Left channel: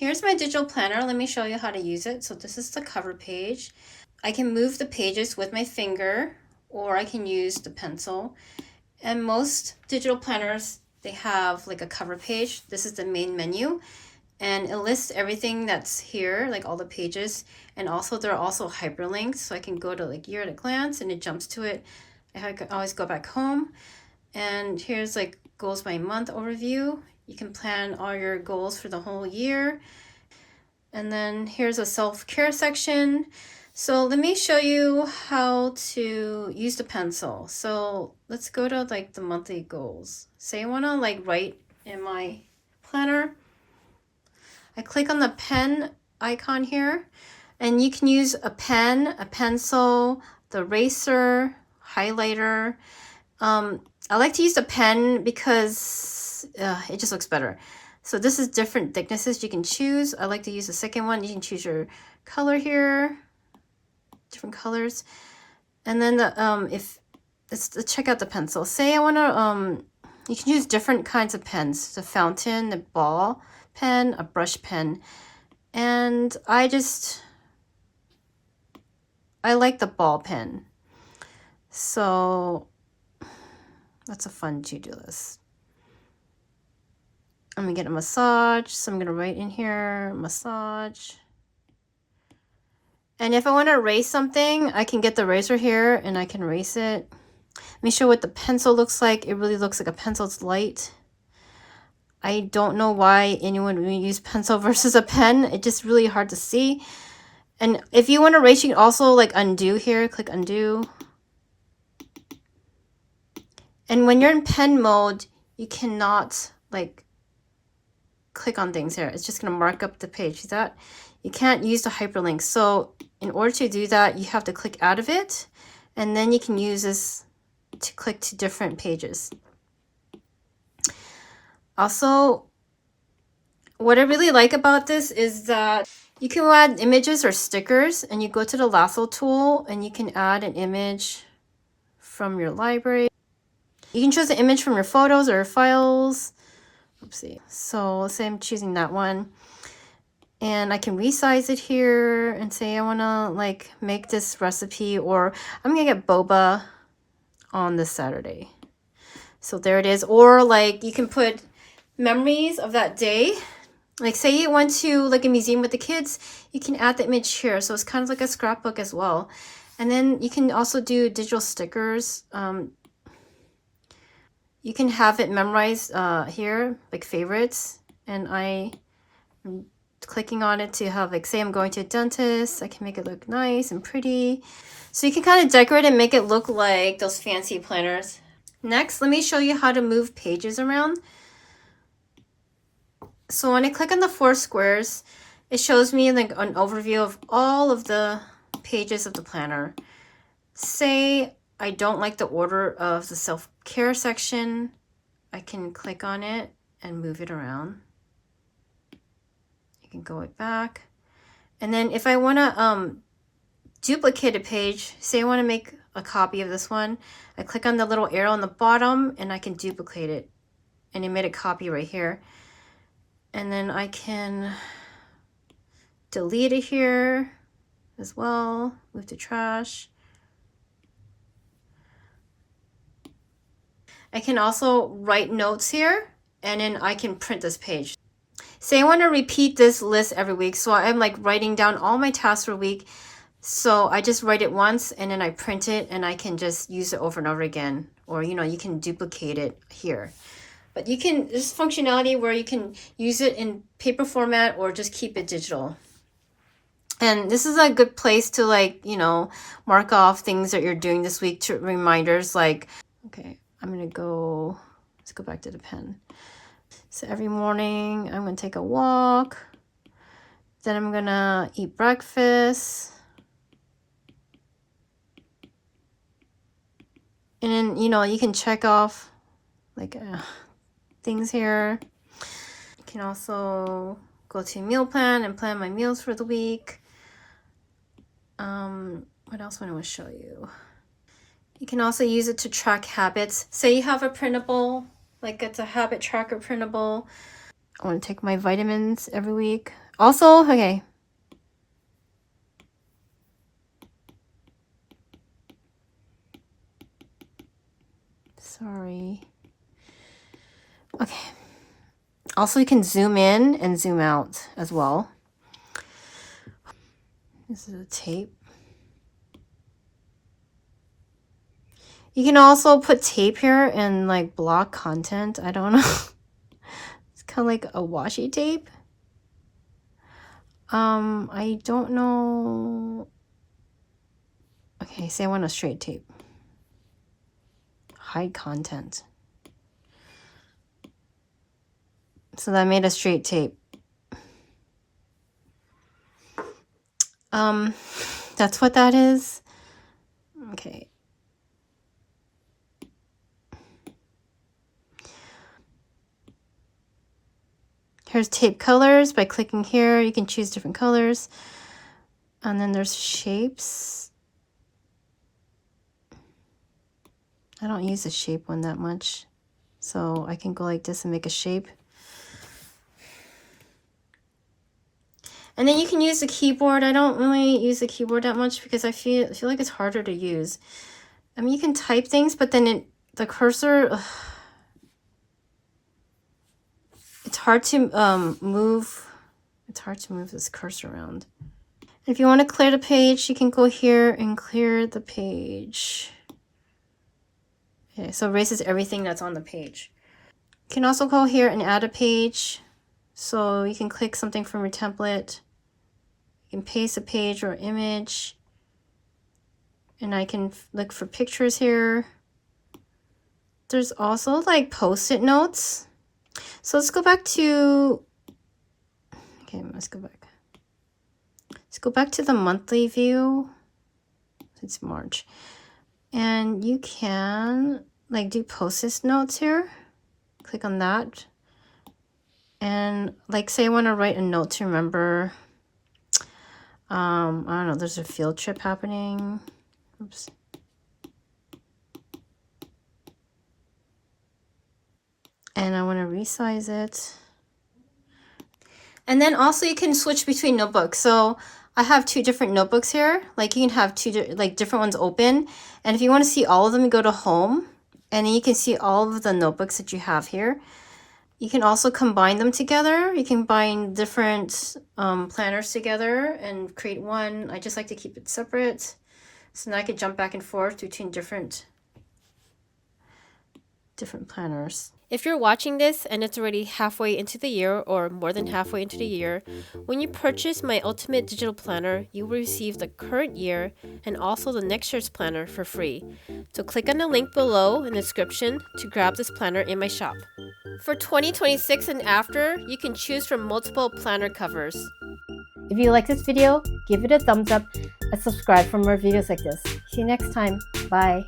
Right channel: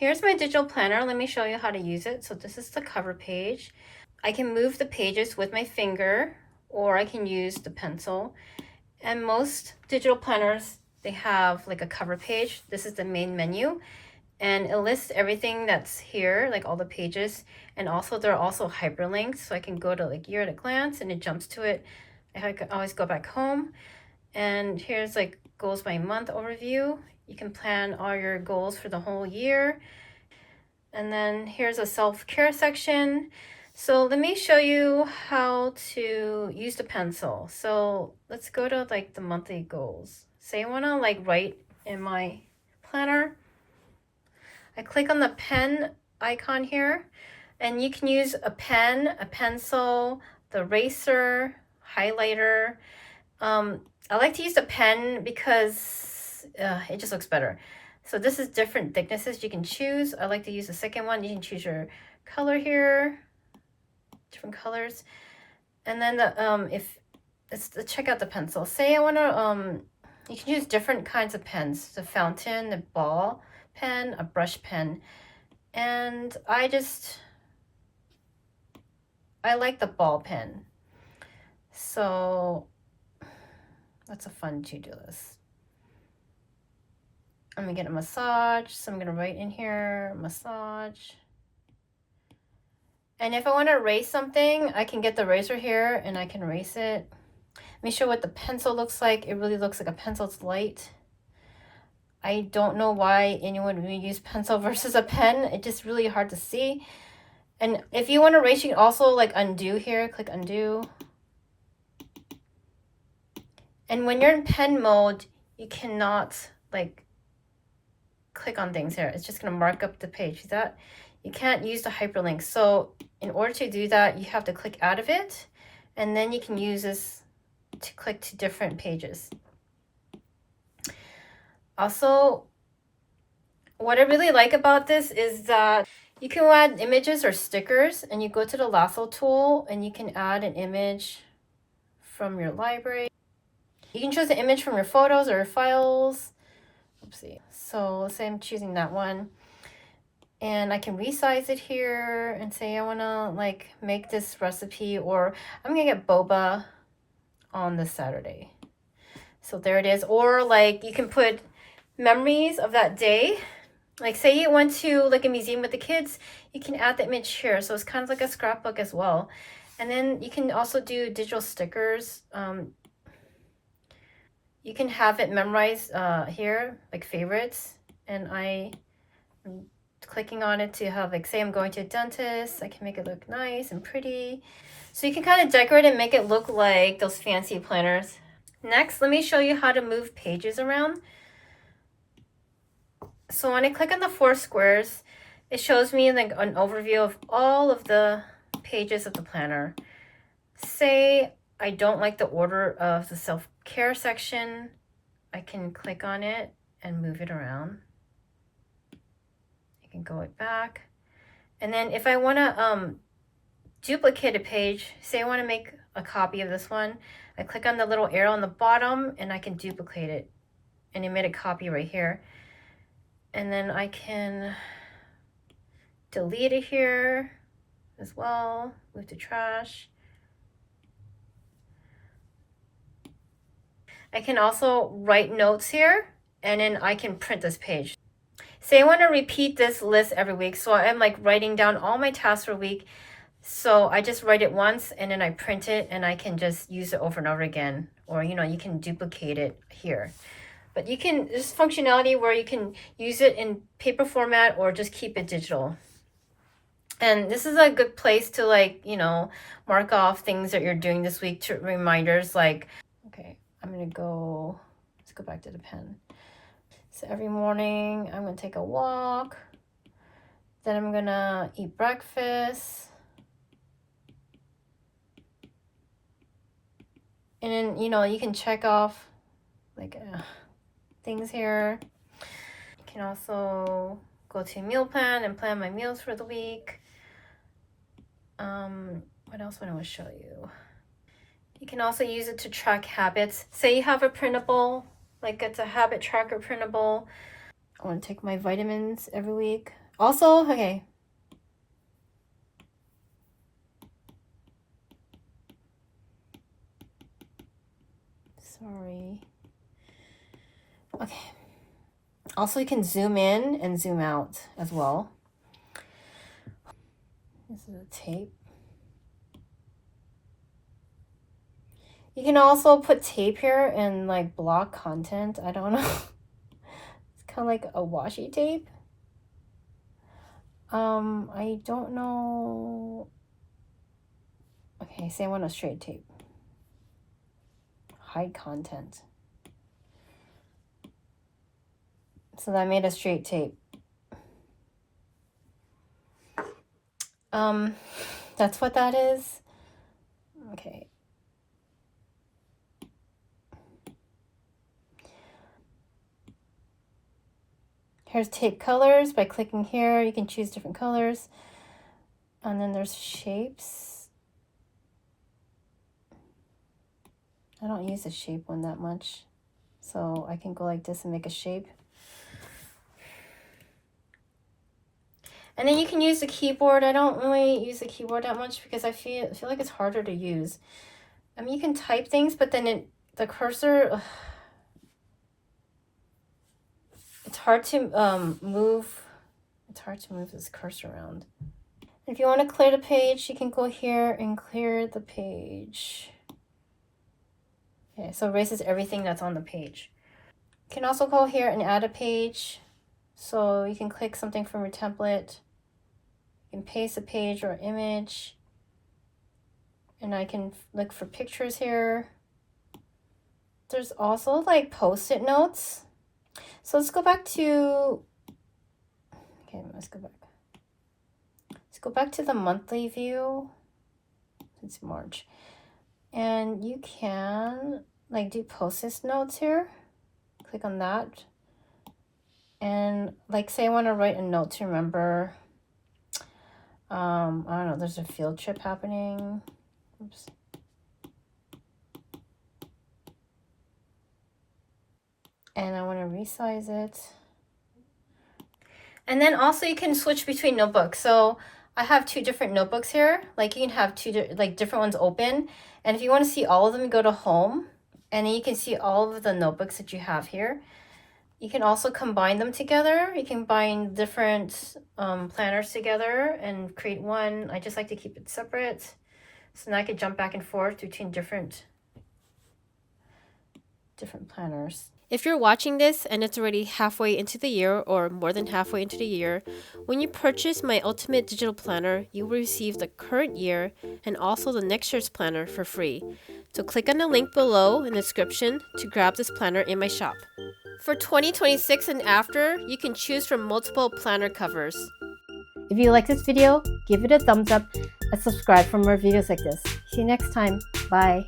Here's my digital planner. Let me show you how to use it. So this is the cover page. I can move the pages with my finger, or I can use the pencil. And most digital planners, they have like a cover page. This is the main menu, and it lists everything that's here, like all the pages. And also there are also hyperlinks, so I can go to like year at a glance and it jumps to it. I can always go back home. And here's like goals by month overview. You can plan all your goals for the whole year. And then here's a self-care section. So let me show you how to use the pencil. So let's go to like the monthly goals. Say I want to like write in my planner. I click on the pen icon here, and you can use a pen, a pencil, the eraser, highlighter. I like to use the pen because it just looks better. So this is different thicknesses you can choose. I like to use the second one. You can choose your color here, different colors. And then let's check out the pencil. Say I want to, you can use different kinds of pens. The fountain, the ball pen, a brush pen. And I like the ball pen. So that's a fun to-do list. I'm gonna get a massage, so I'm gonna write in here, massage. And if I want to erase something, I can get the eraser here and I can erase it. Let me show what the pencil looks like. It really looks like a pencil. It's light. I don't know why anyone would use pencil versus a pen. It's just really hard to see. And if you want to erase, you can also like undo here. Click undo. And when you're in pen mode, you cannot like click on things here. It's just going to mark up the page. See that? You can't use the hyperlink. So in order to do that, you have to click out of it, and then you can use this to click to different pages. Also, what I really like about this is that you can add images or stickers, and you go to the lasso tool and you can add an image from your library. You can choose an image from your photos or your files. Oopsie. So let's say I'm choosing that one. And I can resize it here and say I want to like make this recipe, or I'm going to get boba on this Saturday. So there it is. Or like you can put memories of that day. Like say you went to like a museum with the kids, you can add the image here. So it's kind of like a scrapbook as well. And then you can also do digital stickers. You can have it memorized here, like favorites. And I'm clicking on it to have, like, say I'm going to a dentist. I can make it look nice and pretty. So you can kind of decorate and make it look like those fancy planners. Next, let me show you how to move pages around. So when I click on the 4 squares, it shows me like an overview of all of the pages of the planner. Say I don't like the order of the self-care section, I can click on it and move it around. You can go it back. And then if I want to duplicate a page, say I want to make a copy of this one, I click on the little arrow on the bottom and I can duplicate it. And it made a copy right here. And then I can delete it here as well, move to trash. I can also write notes here, and then I can print this page. Say I want to repeat this list every week, so I'm like writing down all my tasks for a week. So I just write it once and then I print it, and I can just use it over and over again. Or, you know, you can duplicate it here. But you can, there's functionality where you can use it in paper format or just keep it digital. And this is a good place to, like, you know, mark off things that you're doing this week, to reminders like, okay, I'm going to go, let's go back to the pen. So every morning I'm going to take a walk. Then I'm going to eat breakfast. And, you know, you can check off like things here. You can also go to meal plan and plan my meals for the week. What else would I want to show you? You can also use it to track habits. Say you have a printable, like it's a habit tracker printable. I want to take my vitamins every week. Also, okay. Sorry. Okay. Also, you can zoom in and zoom out as well. This is a tape. You can also put tape here and like block content. I don't know. It's kind of like a washi tape. I don't know. Okay, say I want a straight tape. Hide content. So that made a straight tape. That's what that is. Okay. Here's tape colors. By clicking here, you can choose different colors. And then there's shapes. I don't use the shape one that much. So I can go like this and make a shape. And then you can use the keyboard. I don't really use the keyboard that much because I feel like it's harder to use. I mean, you can type things, but then the cursor, it's hard to move. It's hard to move this cursor around. If you want to clear the page, you can go here and clear the page. Okay, so it erases everything that's on the page. You can also go here and add a page. So you can click something from your template. You can paste a page or image. And I can look for pictures here. There's also like post-it notes. So let's go back to, okay, let's go back. Let's go back to the monthly view. It's March. And you can like do post-it notes here. Click on that. And like say I want to write a note to remember, I don't know, there's a field trip happening. Oops. And I want to resize it. And then also you can switch between notebooks. So I have two different notebooks here. Like you can have two like different ones open. And if you want to see all of them, you go to home. And then you can see all of the notebooks that you have here. You can also combine them together. You can combine different planners together and create one. I just like to keep it separate. So now I can jump back and forth between different planners. If you're watching this and it's already halfway into the year or more than halfway into the year, when you purchase my Ultimate Digital Planner, you will receive the current year and also the next year's planner for free. So click on the link below in the description to grab this planner in my shop. For 2026 and after, you can choose from multiple planner covers. If you like this video, give it a thumbs up and subscribe for more videos like this. See you next time. Bye.